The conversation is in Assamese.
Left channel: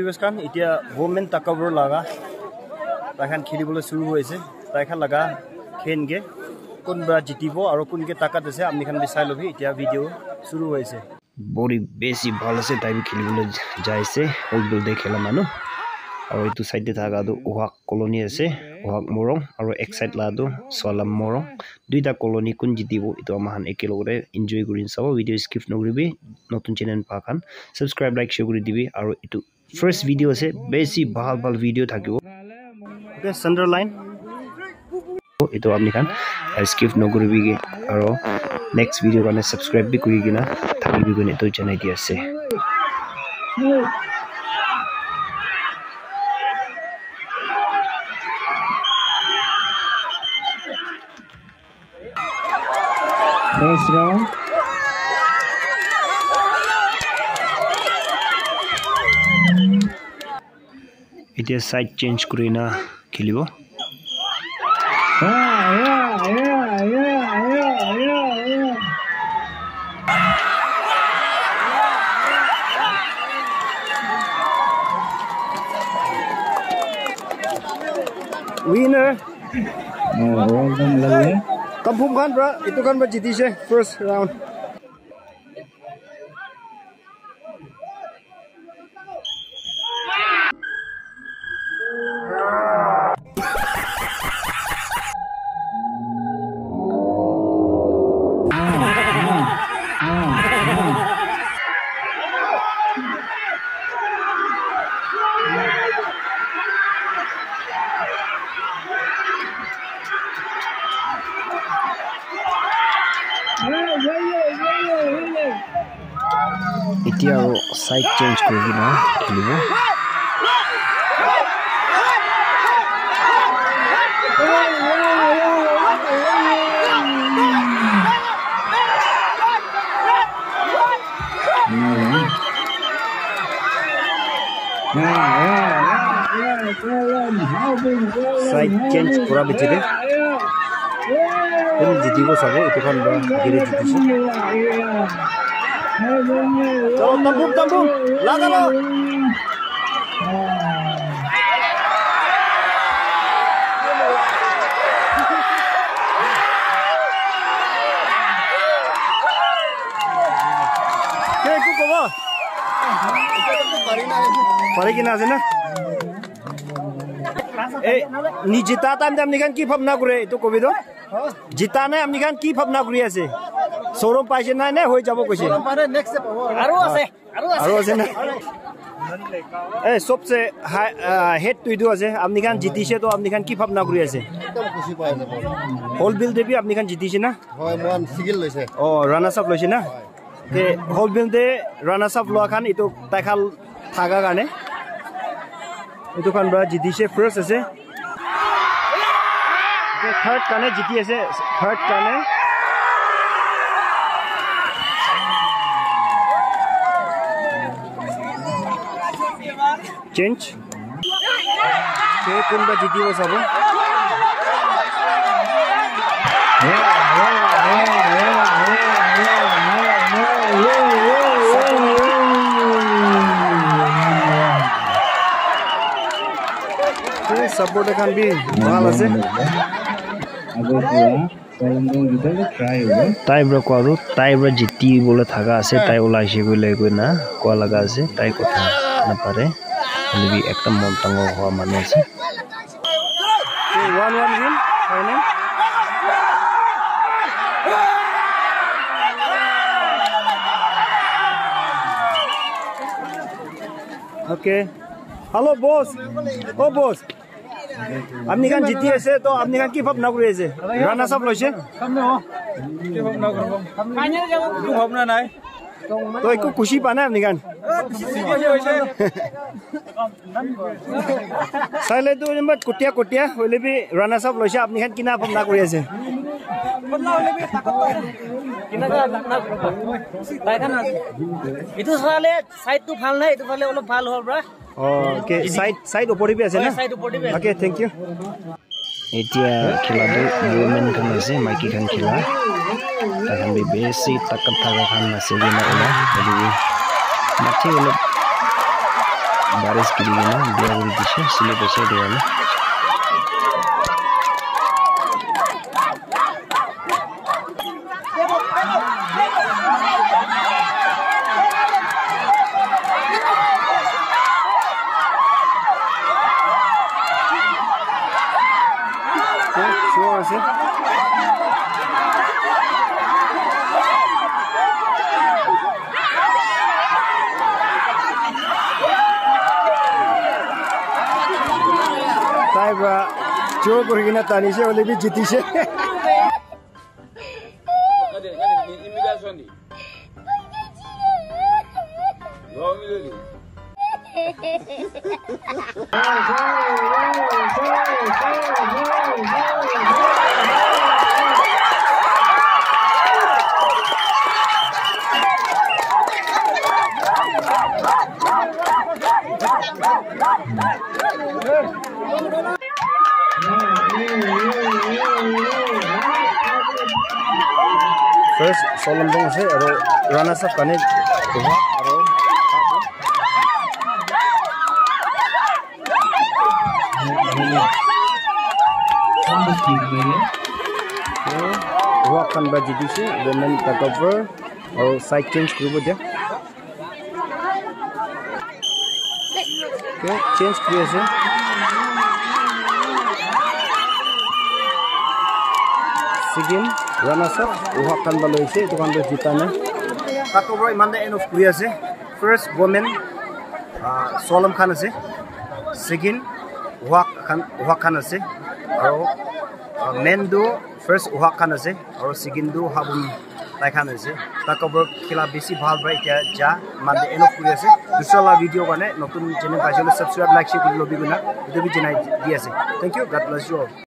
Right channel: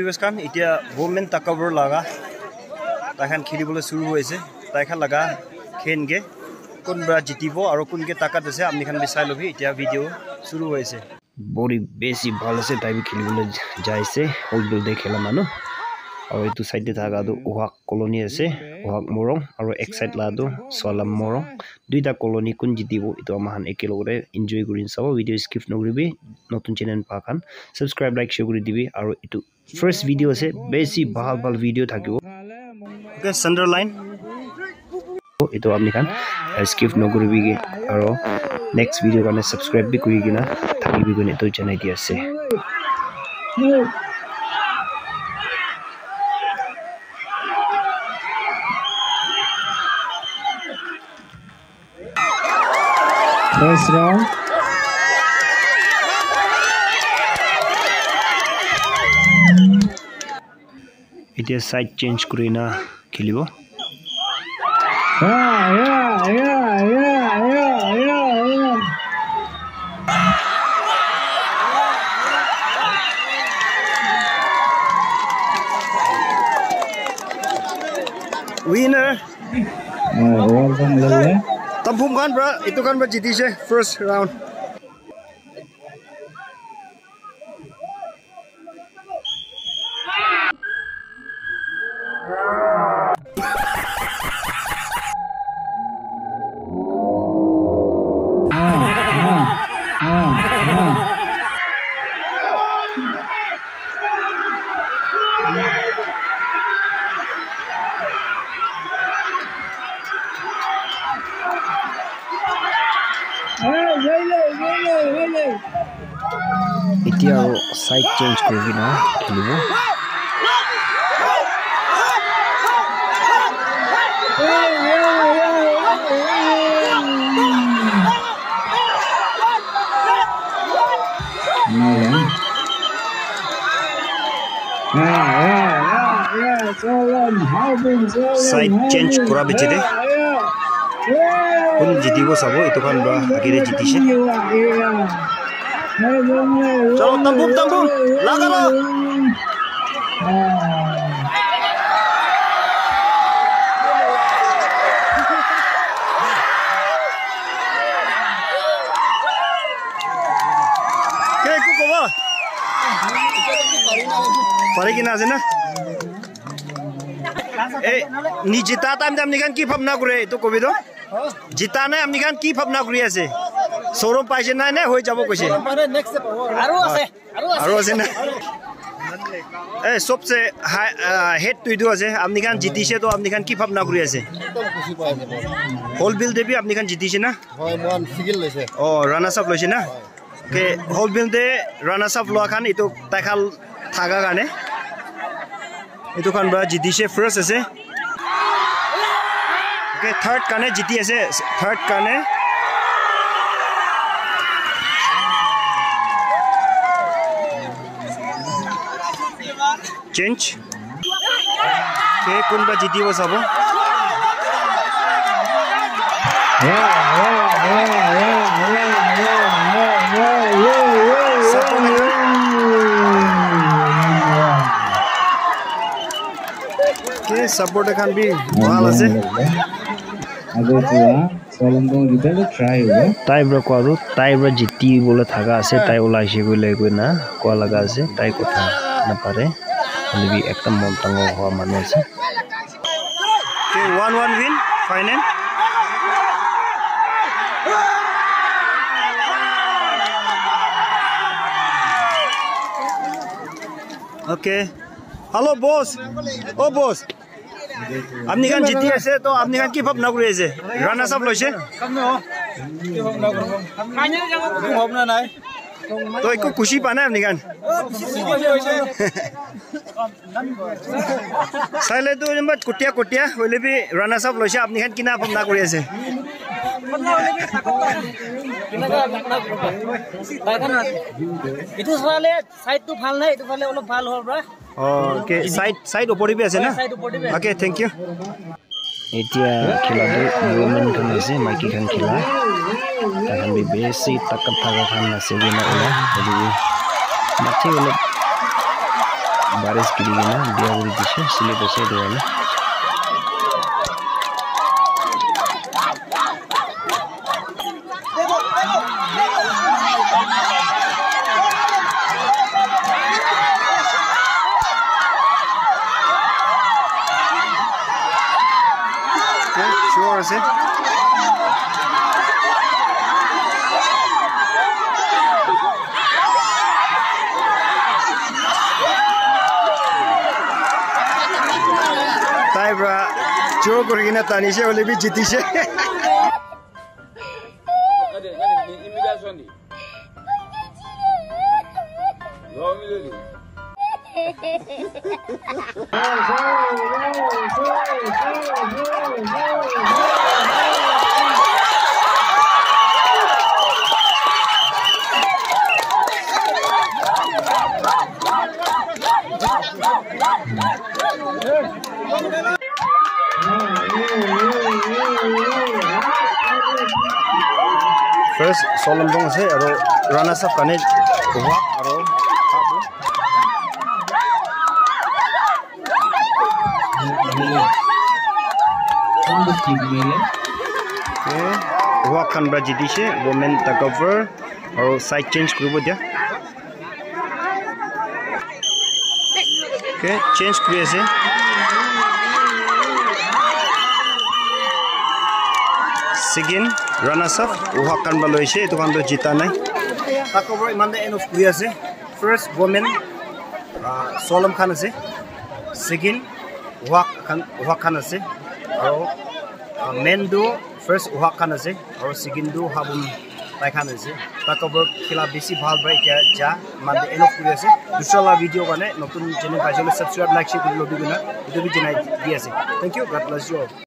Kan itia women takeover laga takan khilibole shuru hoise taikha laga khenge kunba jitibo aro kunge takat ase apni khan bisai lobi itia video shuru hoise body besi bhal ase tai bi khilibole jaise holbil de khela manu aro itu side de thaga du uhak colony ase uhak morong aro ek side la du solam morong duita colony kun jitibo itu amahan ekelogore enjoy gurin sabo video skip nogribi notun channel pa khan subscribe like share guri dibi aro itu first video ase besi bhal video thakibo okay Sunderline itu apni khan skip nogribi ge aro next video kane subscribe bi kuri gina thakibi gune to janai di ase first round it is side change kurina khilibo winner Tampum kan bro itu kan berjiti sih first round Itia side change kuri na khilibo side change kura bichide kun jitibo sabo itu kan ba agire jitise चलो तंबूम लगा लो के को कोवा पारे कि ना से ना ए नि जिता टाइम टाइम निकान की भावना करे तो कोबी दो जिता ने हम निकान की भावना करी আছে शोरूम पाइसे ना ने होई जाबो कइसे शोरूम पारे नेक्स्ट से पाबो आरो আছে ना ए सबसे हेड टू इदो আছে আপনি খান জিতিছে তো আপনি খান কি ভাবনা করি আছে একদম খুশি পাই যাব হোল বিল দেবি আপনি খান জিতিছে না হয় মান সিগিল লৈছে ও রানার্স আপ লইছে না ওকে হোল বিল দে রানার্স আপ লোৱা খান ইটো তাইখাল থাকা গানে ইটো খান বা জিতিছে ফার্স্ট আছে ওকে থার্ড কানে জিতি আছে থার্ড কানে change ke kunba jitibo sabo ke support kan bi bhal ase tai bro ko aru tai bro jiti bole thaga ase tai ulaise gole koi na ko laga ase tai kotha na pare lebih ekdom montango hoa manu ase okay 1-1 win final okay hello boss oh boss আপনি কান জিতি আছে তো আপনি কান কি ভাবনা কৰি আছে রানা সাহেব লইছে কি ভাবনা করব ফাইনাল যাব কি ভাবনা নাই তো একো খুশি পা না আপনি কান সাইলে তো নম্বর কটিয়া হইলে বি রানা সাহেব লইছে আপনি কান কিনা ভাবনা কৰি আছে কিনা ভাবনা করব তাই কান ইটো সালে সাইড তো ভাল নাই ইটো ফালে অলপ ভাল হল ব্রা ওকে সাইড উপরে বি আছে না ওকে থ্যাংক ইউ এতিয়া খেলাটো ওমেন খান আছে মাইকি খান খেলা তাখান বি বেছি তাকাত থাকা খান আছে বিনা ওলা এদিকে মাঠে অলপ बारिश गिरी गए ना बिया बुरी दिशे स्लिप होसे दो वाले sure is it tai bra jo gorigina tani se ole bi jiti se immigration di lo mileli first solam dong se aro rana saf kane wa aro abu wa kan bra jidi se women ta cover aro side change kribo dia okay change kriye se Sigin runners up uhakan baloise itu kan do jita nai takover imande end of kuya ase first women solam khan ase Sigin uhakan ase aro men do first uhakan ase aro Sigin do habum tai khan ase takover khila besi bhal bra eta ja mande end of kuya ase dusra la video kane notun channel paisole subscribe like share kori lobi guna etu bi janai di ase thank you god bless you all